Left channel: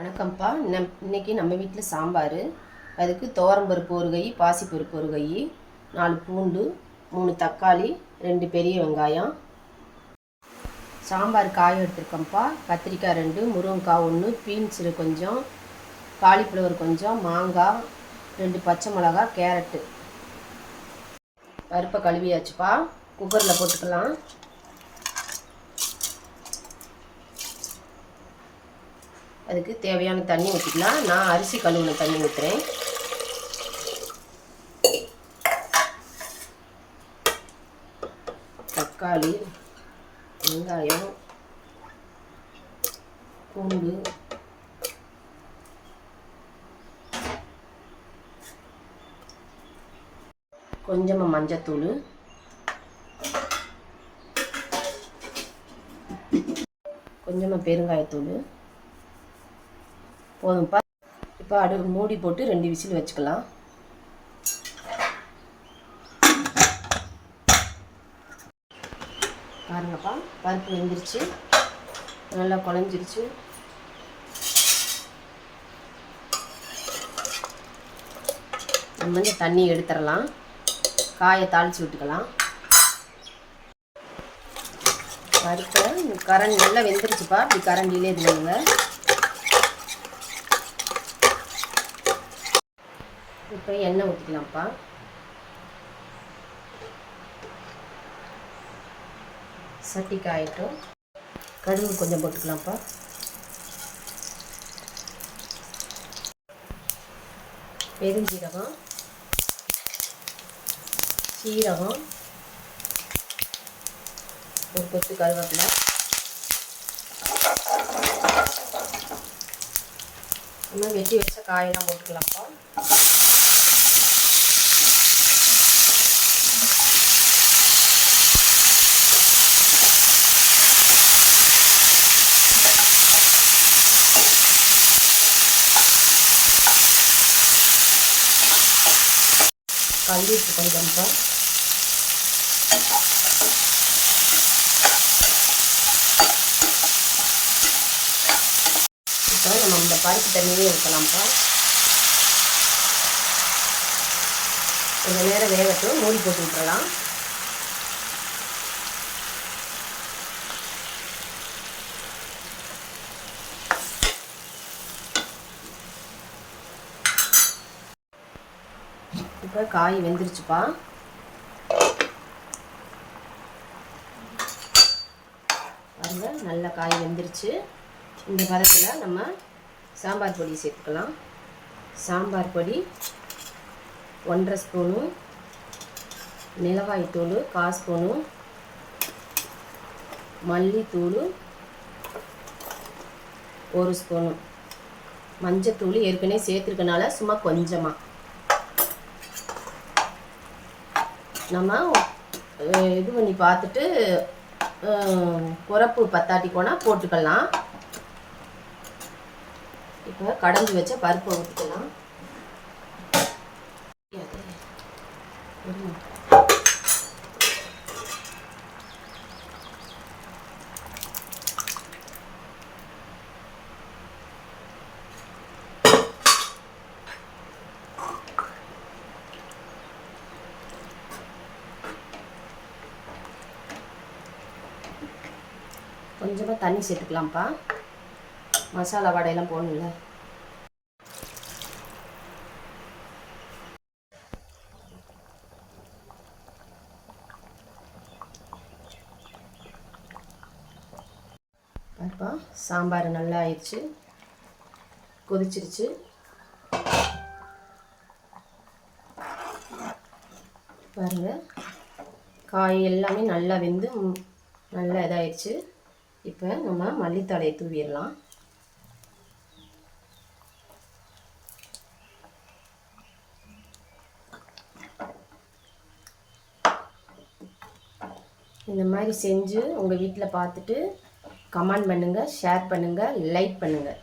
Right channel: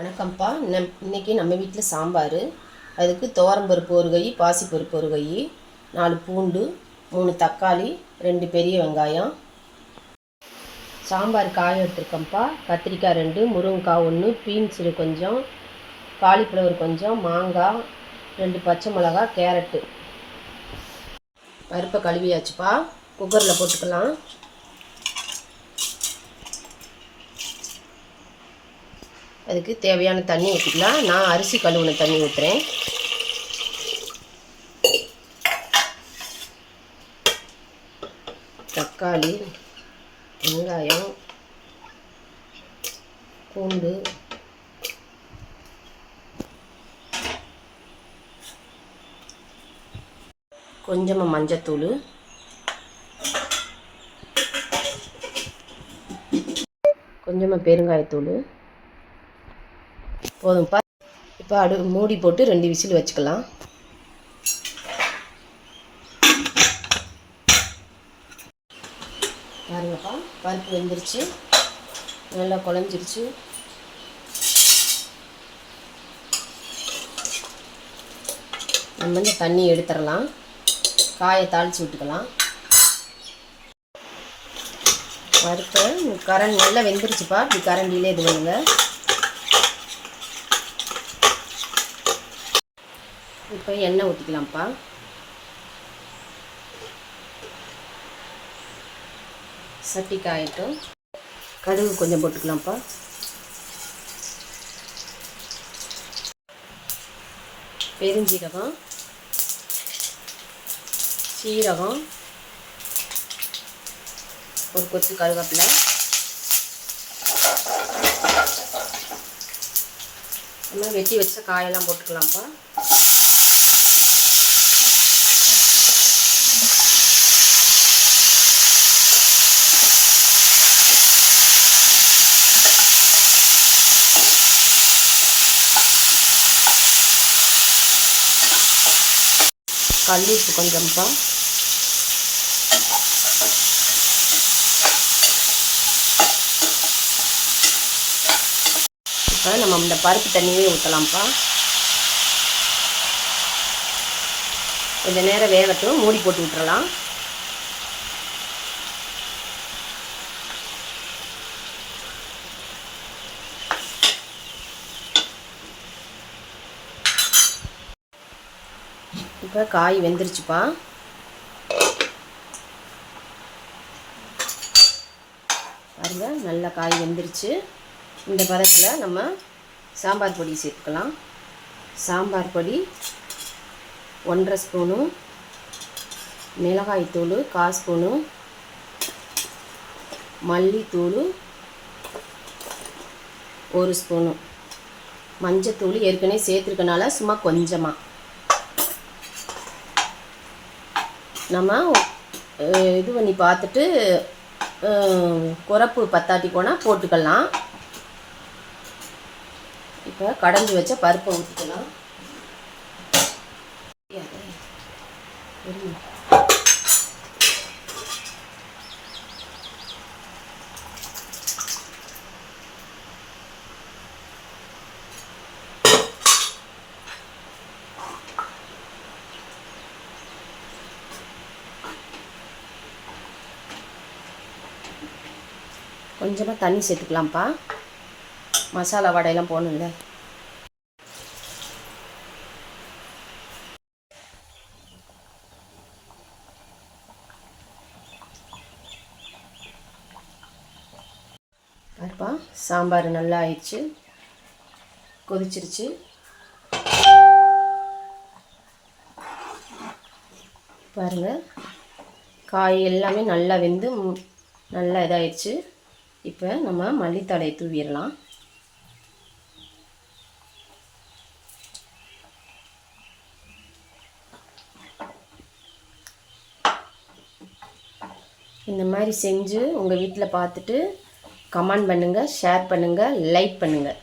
வணக்கம்ப்பா. இன்றைக்கி நம்ம வீட்டில் சாம்பார். அதுக்கு துவரம்பருப்பு ஒரு கை, பாசிப்பருப்பு ஒரு கை, 4 பூண்டு, 3 தக்காளி, 2 பெரிய வெங்காயம். சாம்பார் காய் எடுத்துருக்கோம்ப்பா. கத்திரிக்காய் 2, முருங்கைக்காய் 1, பீன்ஸு கொஞ்சம், காலிஃப்ளவர் கொஞ்சம், மாங்காய் 2, பச்சை மிளகா, கேரட்டு. பருப்பை கழுவியாச்சுப்பா. குக்கரில் போட்டுக்கலாம். அதுக்கு தேவையான தண்ணி ஊற்றிக்கலாம். நான் அரிசி கழுவுன தண்ணி ஊற்றுறேன். தக்காளி, வெங்காயம், பூண்டு, கொஞ்சமாக மஞ்சத்தூள், கொஞ்சமாக பெருங்காயத்தூள் போதும்ப்பா. இப்போ மூடி போட்டு 2 விசில் வச்சுக்கலாம். பாருங்கப்பா, பருப்பு வெந்துருச்சு, நல்லா குழஞ்சிருச்சு. நம்ம இந்த தண்ணி எடுத்துடலாம். காயை தாளித்து விட்டுக்கலாம். பருப்பை நல்லா வெந்துருச்சுப்பா. இப்படி கரண்டிலே இது பண்ணுங்க. இப்போ எண்ணெய் ஊற்றிக்கலாம்ப்பா. சட்டி காயட்டும். கடுகு கொஞ்சம் போட்டுக்கலாம்ப்பா. பெருஞ்சீரகம், சீரகம், ஒரு கொத்து கருவேப்பிலை, இன்னும் வெட்டி வச்ச காயெல்லாம் போட்டுக்கலாம்ப்பா. கல்லுப்பு கொஞ்சம்ப்பா. இப்போ நம்ம இந்த பருப்பு தண்ணியே ஊற்றலாம்ப்பா. கொஞ்சம் நேரம் வேகட்டும். மூடி போட்டு விட்டுறலாம். இப்போ காய் வெந்துருச்சுப்பா. பாருங்க, நல்ல காய் வெந்துருச்சு. இந்த பதத்தில் நம்ம சாம்பார் பொடி சேர்த்துக்கலாம். சாம்பார் பொடி 1½ ஸ்பூனு, மிளகாய்த்தூள் 1/4 ஸ்பூனு, மல்லித்தூள் 1 ஸ்பூனு, மஞ்சத்தூள் ஏற்கனவே சேர்த்துருக்கனால சும்மா கொஞ்சமாக நம்ம இது பண்ணி பார்த்துட்டு குறப்பு பத்தாட்டி போனால் போட்டுக்கலாம். இப்போ கடைஞ்சி வச்ச பருப்பை ஊற்றிக்கலாம். கொஞ்சமாக தண்ணி சேர்த்துக்கலாம்ப்பா. மசாலா வடையெல்லாம் போடணும்ல. பாருப்பா, சாம்பார் நல்லா ஆயிடுச்சு, கொதிச்சிருச்சு. பாருங்கள், காய் எல்லாமே நல்லா வெந்து நல்லா இதாகிடுச்சு. இப்போ நம்ம மல்லித்தழையை தூவிடலாம். இந்த மாதிரி செஞ்சு உங்கள் வீட்டில் பார்த்துட்டு கமெண்ட் பண்ணுங்கள், ஷேர் பண்ணுங்கள், லைக் பண்ணுங்கள்.